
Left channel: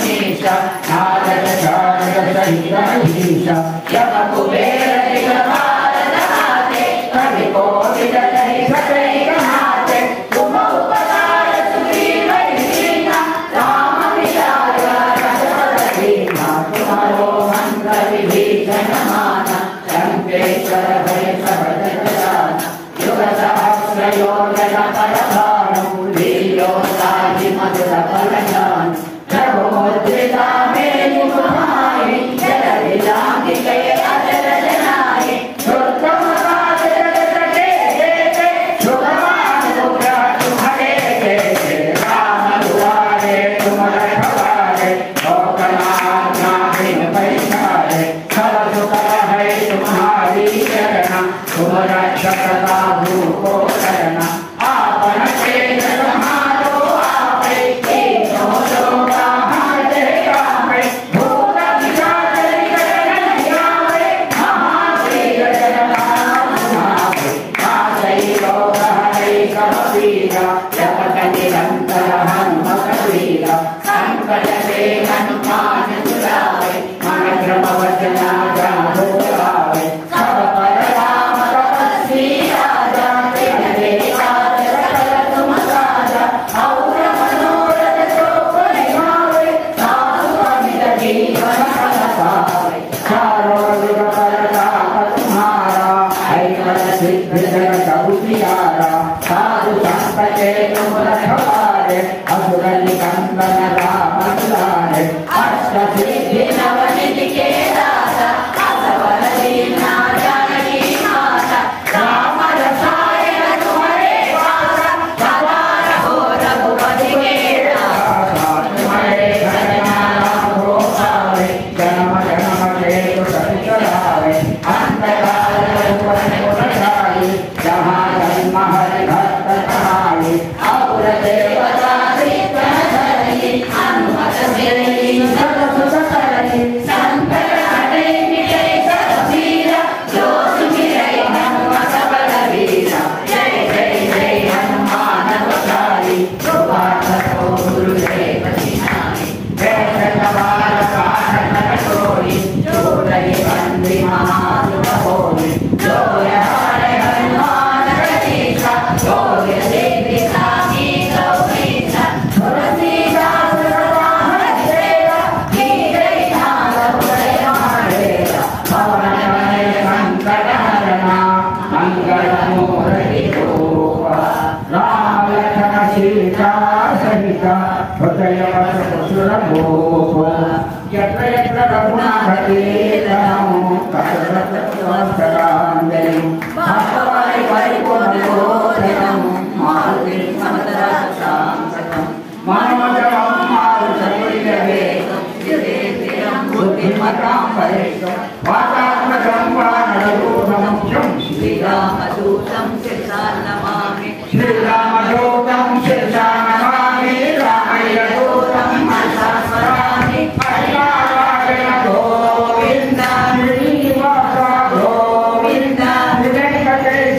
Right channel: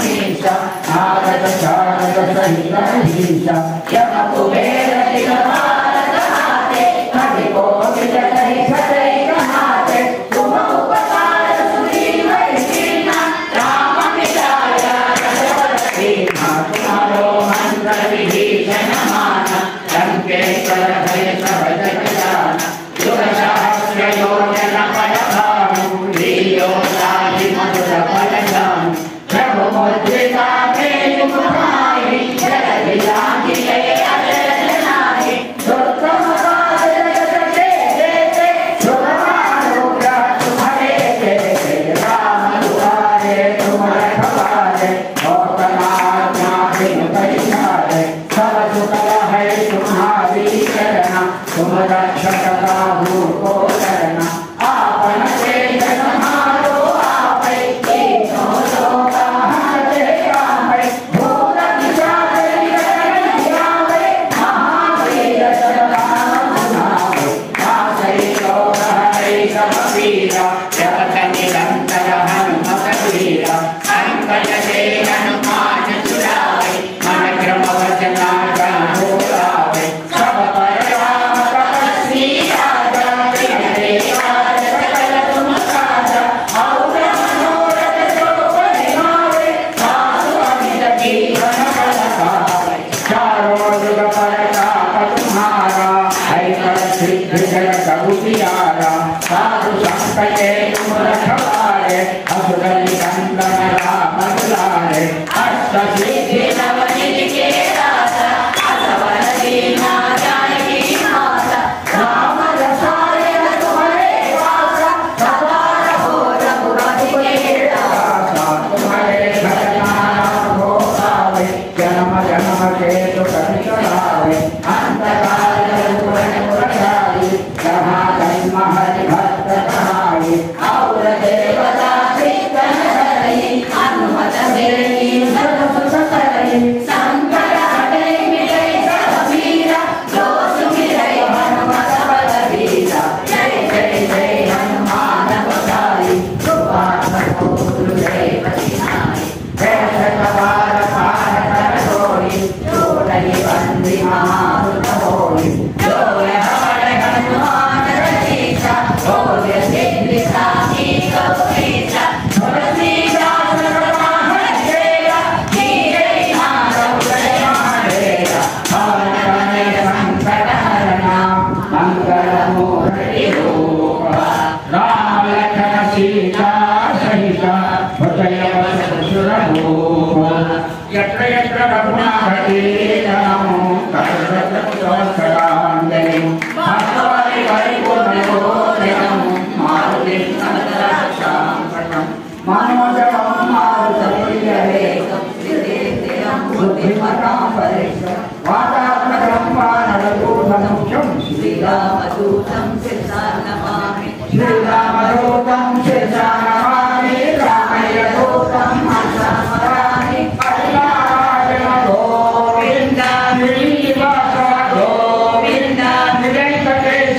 మహేశ నారద శారద సహిత మహేశ యమ కుబేర దిగపారజాతే కవి కోవిద కరి సతై మహాతే ఉమ ఉపకార సుగ్రీవై శ్రీనా రామ విజయ రజవర శ్రీనా తుమారో మంత్ర విభీషణ మాన లంకేశ్వర భయ సహజ గజాన యుగ సహస్ర యోజన పరభాను లీలో సాధి మధుర ఫలదాన ప్రభు ముద్రితా మేలు ముఖాయి జరది జాతి జయ అజయ జనాయి దుర్గమ కాల జగత के देते सुखमानुग्रह तुम्हारे देते राम दुआरे तुम रखवारे लोकनाथ बिन परिहारे सब सुख है तुम्हारी चरण तुम रक्षक काहू को करना आपन तेज समारो आपे तीनों लोक हारे कामे भूत पिशाच निकट जावे महावीर जन नाम सुनावे आसई लोक हरे सब पीरा जगत निरंतर हनुमत वीरा संकट से हनुमान छुड़ावे मन क्रम वचन जानो लावे सब पर राम तपस्वी राजा तेरे काज सकल तुम साजा और मनोरथ जो परिभावे साधु अमित जीवन फल पावे चारों युग परताप तुम्हारा हरिकर सिद्ध जगत उजियारा साधु संत के तुम रखवारे असुर निकंदन राम दुलारे अष्ट सिद्धि नवनिधि के दाता असवर दीना जानकी माता राम रसायन तुम्हारे वासा सदा रहो रघुपति के दासा तुम्हारे घर नाम हो आवे जन्म जन्म के दुख बिसरावे अंतकाल भुवन बचाई जहाँ जन्म हरि भक्त कहाई और देवता कीर्तन धरई हनुमत सेई सत सुख करई संकट हटे मिटे सब पीरा जो सुमिरै हनुमत बलवीरा जय जय जय हनुमान गोसाई कृपा करो गुरुदेव सिनाई जय सवार पार कर सोई जो रही बंदी महासुख होई जो हमारे हनुमान रचीसा बोले सिद्धि साखी गौरीसा तुलसीदास रघुनाथ सेवा कीजे नाम उदय माहेगा पवन तनय संकट हरना मंगल मूर्ति रूपा राम लखन सीता सहित हृदय वस सुर भूप यत्र यत्र रघुनाथी नाम तत्र तत्र सहस्रांजलि भगवति परिपूर्णयोनितं मारुति नमः मनोजवं मारुतमुनिरेतं बुद्धिमतां वरिष्ठं वातात्मकं वानररूपमुख्यं श्रीरामदूतं शिरसा नमामि श्रीरामदूतं शिरसा नमामि रामयदूतं मनसा स्मरामि अहिलाराजन गोविन्द श्रीनिवास गोविन्द वेङ्कटेश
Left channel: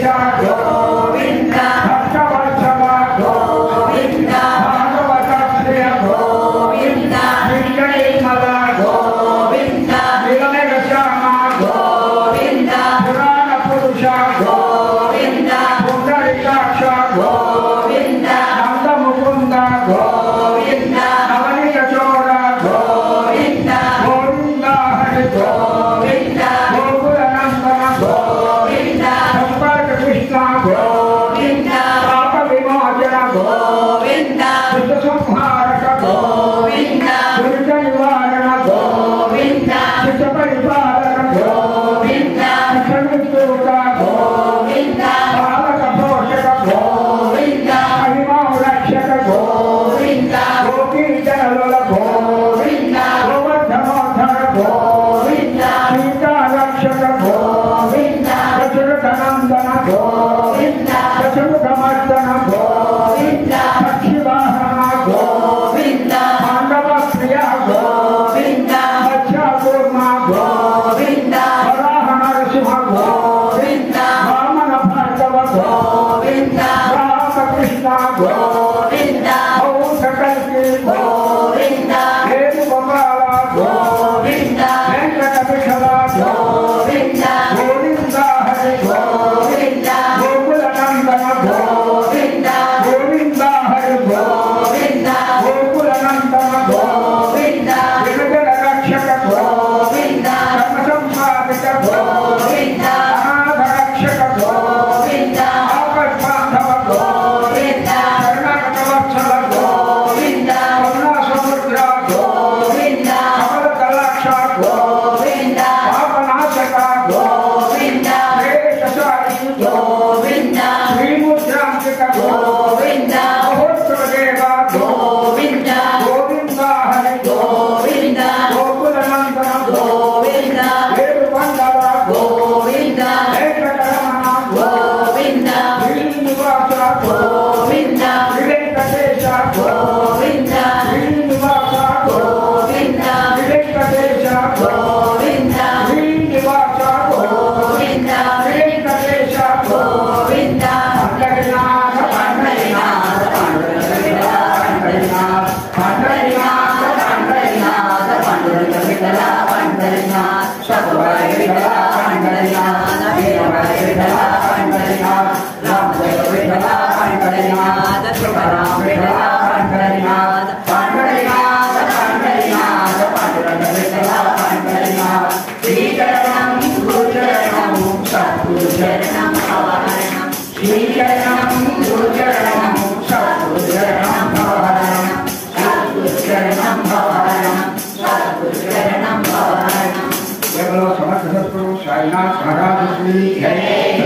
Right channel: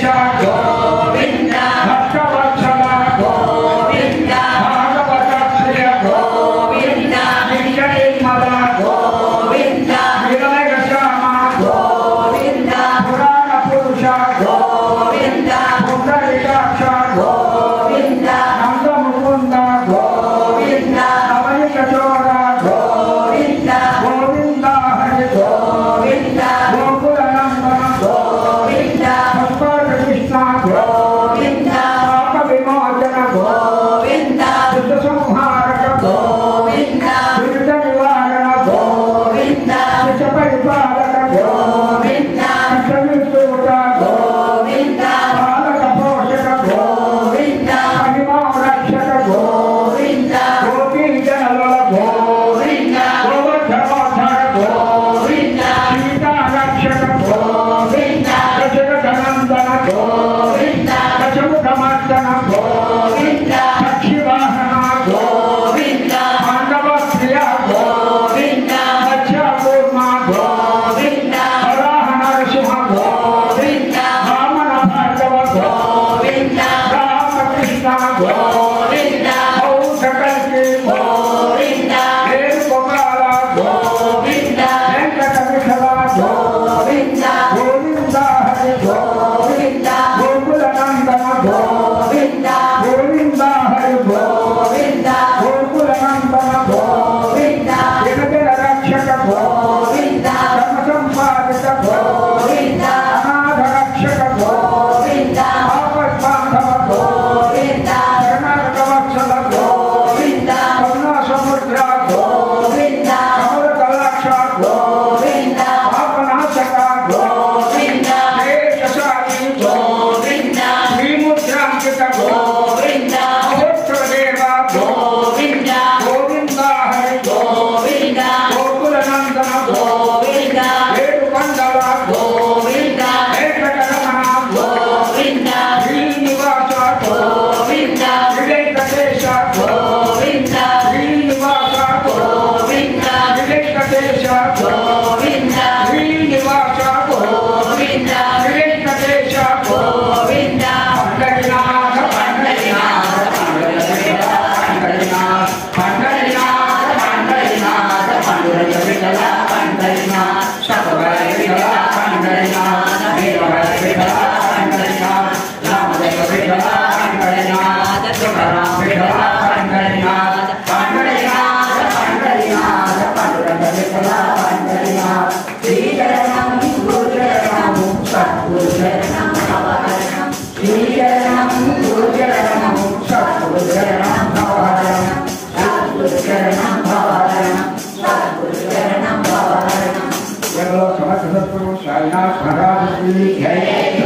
साईनाथ महाराज की जय,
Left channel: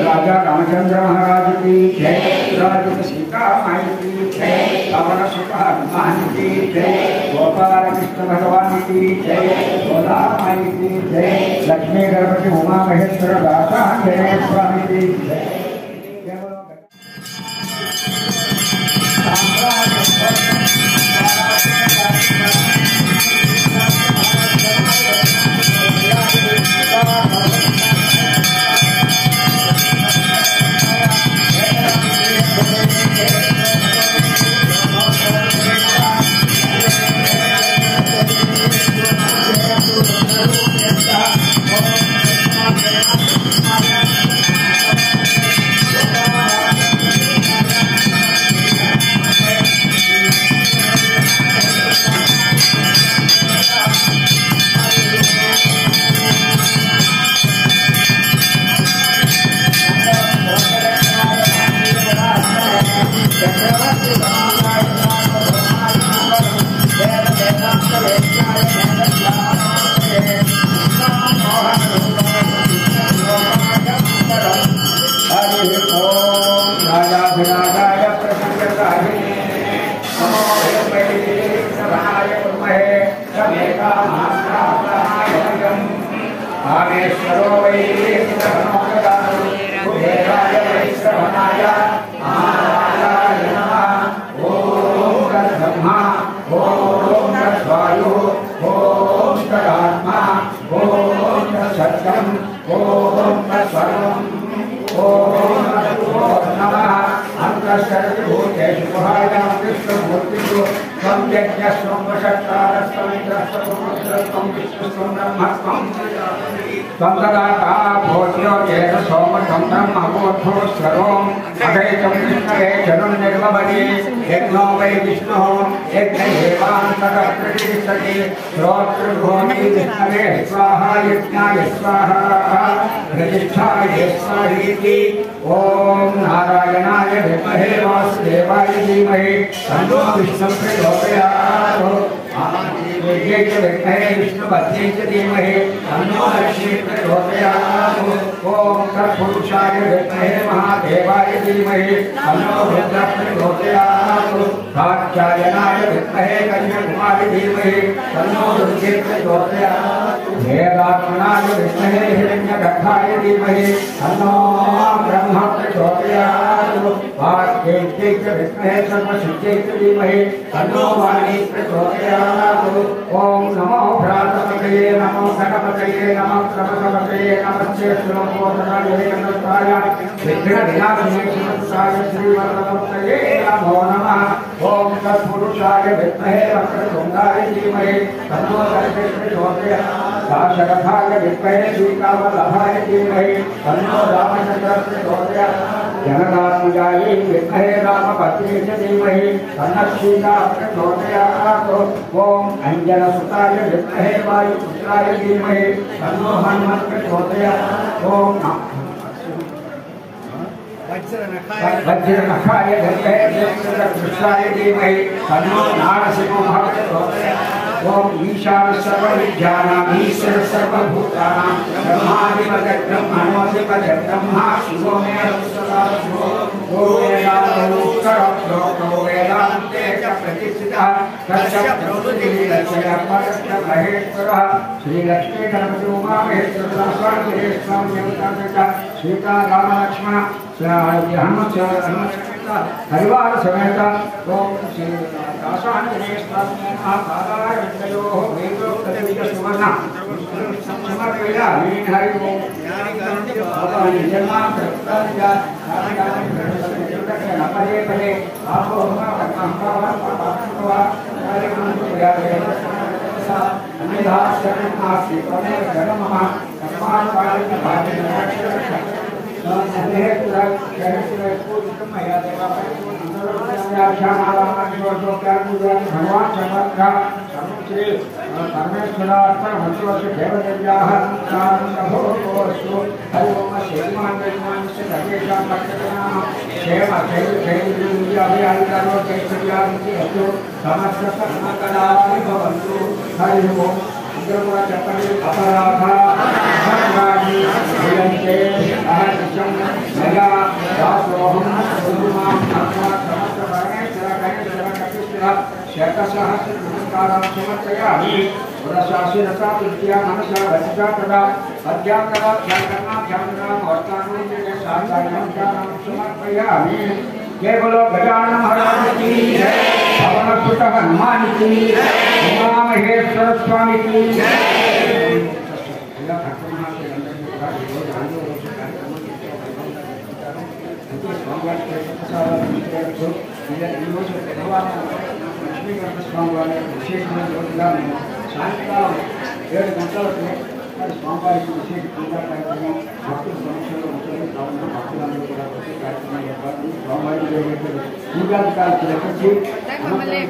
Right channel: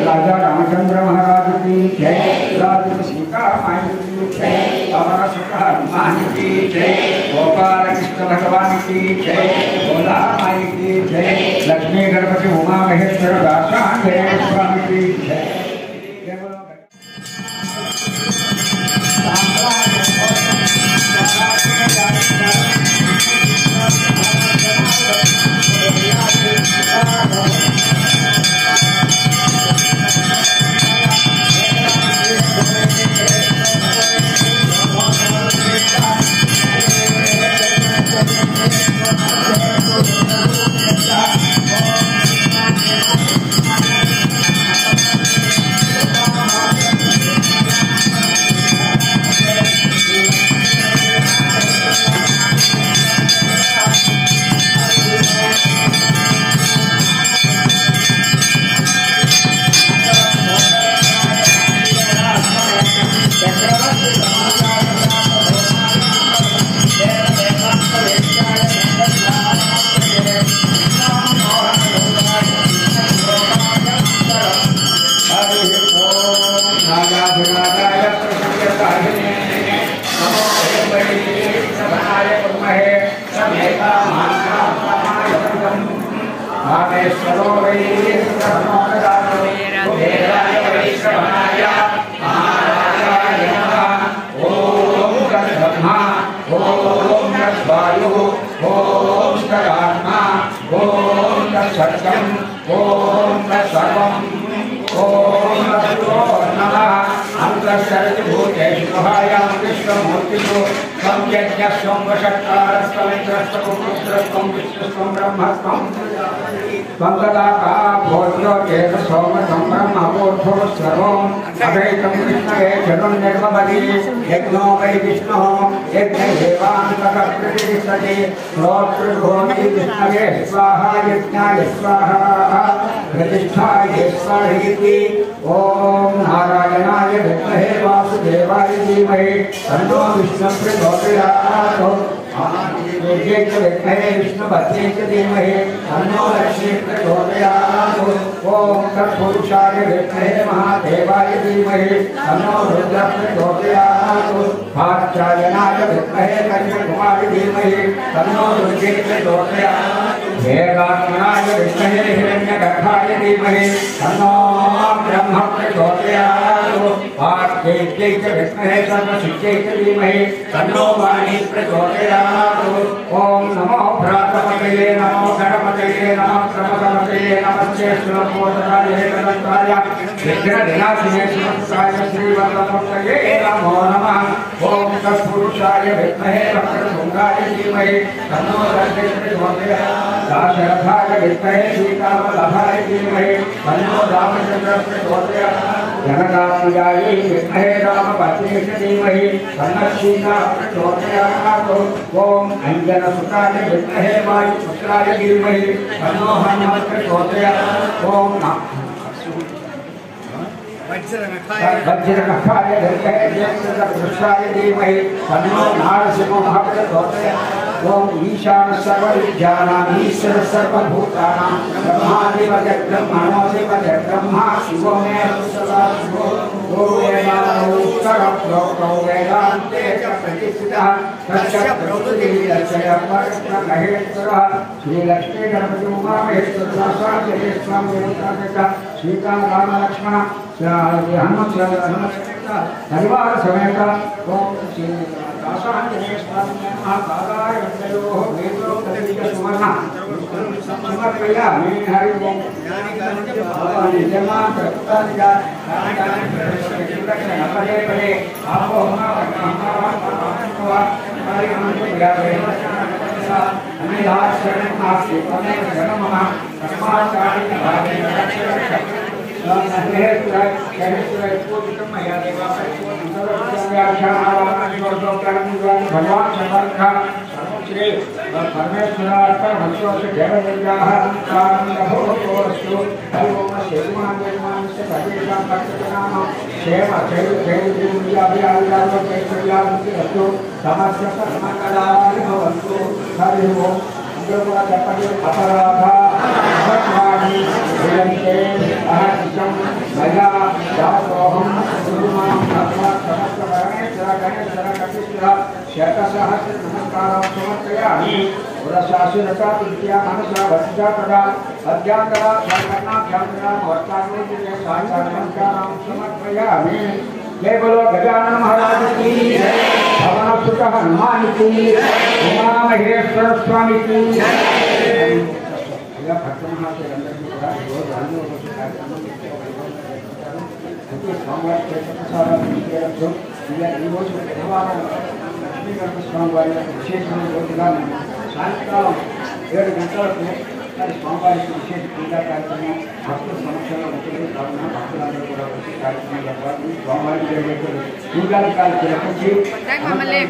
राजा रामचंद्र महाराज की जय, राजा सीता माई की जय, पवन सुत हनुमान की जय, गोपाल कृष्ण भगवान की जय, भोला माई की जय, लक्ष्मी गणपति उमा महेश्वर दासांजनेय स्वामी की जय। ओम नारायणाय विद्महे वासुदेवाय धीमहि तन्नो विष्णुः प्रचोदयात्। विद्महे विष्णुपत्न्यै च धीमहि तन्नो लक्ष्मीः प्रचोदयात्। ओम तत्पुरुषाय विद्महे महादेवाय धीमहि तन्नो रुद्रः प्रचोदयात्। कात्यायनाय विद्महे कन्याकुमारी धीमहि तन्नो रुद्रः प्रचोदयात्। वेदात्मनाय विद्महे हिरण्यगर्भाय धीमहि तन्नो ब्रह्म प्रचोदयात्। वाग्देव्यै च विद्महे सर्वसिद्ध्यै च धीमहि तन्नो वाणी प्रचोदयात्। ओम नमो भ्रातृपतये नमो गणपतये नमः प्रमथपतये नमस्ते श्रीमोदराय गणपताय विघ्नविनाशिने सुमंसाय श्रीवल्लभमूर्तये नमो नमः। ओम तत्पुरुषाय विद्महे वक्रतुण्डाय धीमहि तन्नो दन्तिः प्रचोदयात्। दाशरथाय विद्महे सीतावल्लभाय धीमहि तन्नो रामचन्द्रः प्रचोदयात्। जनकात्मजाय विद्महे रामपत्न्यै च धीमहि तन्नः सीता प्रचोदयात्। ओम अंजनसुताय विद्महे वायुपुत्राय धीमहि तन्नो हनुमः प्रचोदयात्। ओम वज्रनखाय विद्महे ज्येष्ठकृष्णाय धीमहि तन्नो नारसिंहः प्रचोदयात्। ओम ईशान सर्वविद्यानां ईश्वर सर्वभूतानां ब्रह्माधिपते ब्रह्मणोऽधिपते ब्रह्मा शिवो मे सदा शिवो गोवेदान्तोत्तरप्रोक्तो वेदान्ते च प्रतिष्ठितः तस्य प्रभुर्दिव्यस्य परब्रह्महेश्वरः श्रीलक्ष्मी गणपति उमा महेश्वर स्वामी सीता राम लक्ष्मण हनुमत परिवार समेत ओम श्री दासांजनेय स्वामी महापादाय वन्दयोः वेदोक्तदिव्य सुवर्ण समर्पयामि। हरि ओम निर्माण प्रत्या पदे पदे आपो भगवान समर्थ श्री परमेश्वरार्पण हंसोस्य देवदेव्याः प्रारम्भोऽस्तु। ओम श्रीमान्यमानस्य सर्वेषां भक्तजनानां क्षेम स्थैर्यैर्यभियाभियारोग्यैश्वर्याभिवृद्धिरस्तु। समस्त सर्वकलानि भवन्तु। हरि ओम అందరూ కూడా చెప్పండి. అపరాధ అహర్వాణి భుజంతే అహర్నిశం మయా దాసోహం గురుమాం సమస్త భరణేశ్వర గణేశ్వర కపిశ్వర శతసహస్ర నమస్కారాలు సమర్పయామి. ఉదశాశిరసా విద్యా మనసా వచితా తదా అధ్యాంతరా ధ్యానాభ్యాంతరాం వర్తానోజే సాయికారం సమర్పయామి. जय बोलो गजानन महाराज की जय, पवन सुत हनुमान की उमा महेश्वर स्वामी की जय. भक्त महाशय స్వామివారి ఈరోజు బుధవారం లక్ష్మీగర్భ స్వామివారి విశేషమైన రోజుగా మేము సాయంకాలం 7 గంటలకు మరి స్వామివారికి విశేష పూజా కార్యక్రమం భక్తుల సమక్షంలో ఉంటుంది. కావున భక్తులందరూ కూడా వచ్చే కార్యక్రమం చెప్పాలి. స్వామివారికి పూజాధికారి చేపట్టి మమ్మల్ని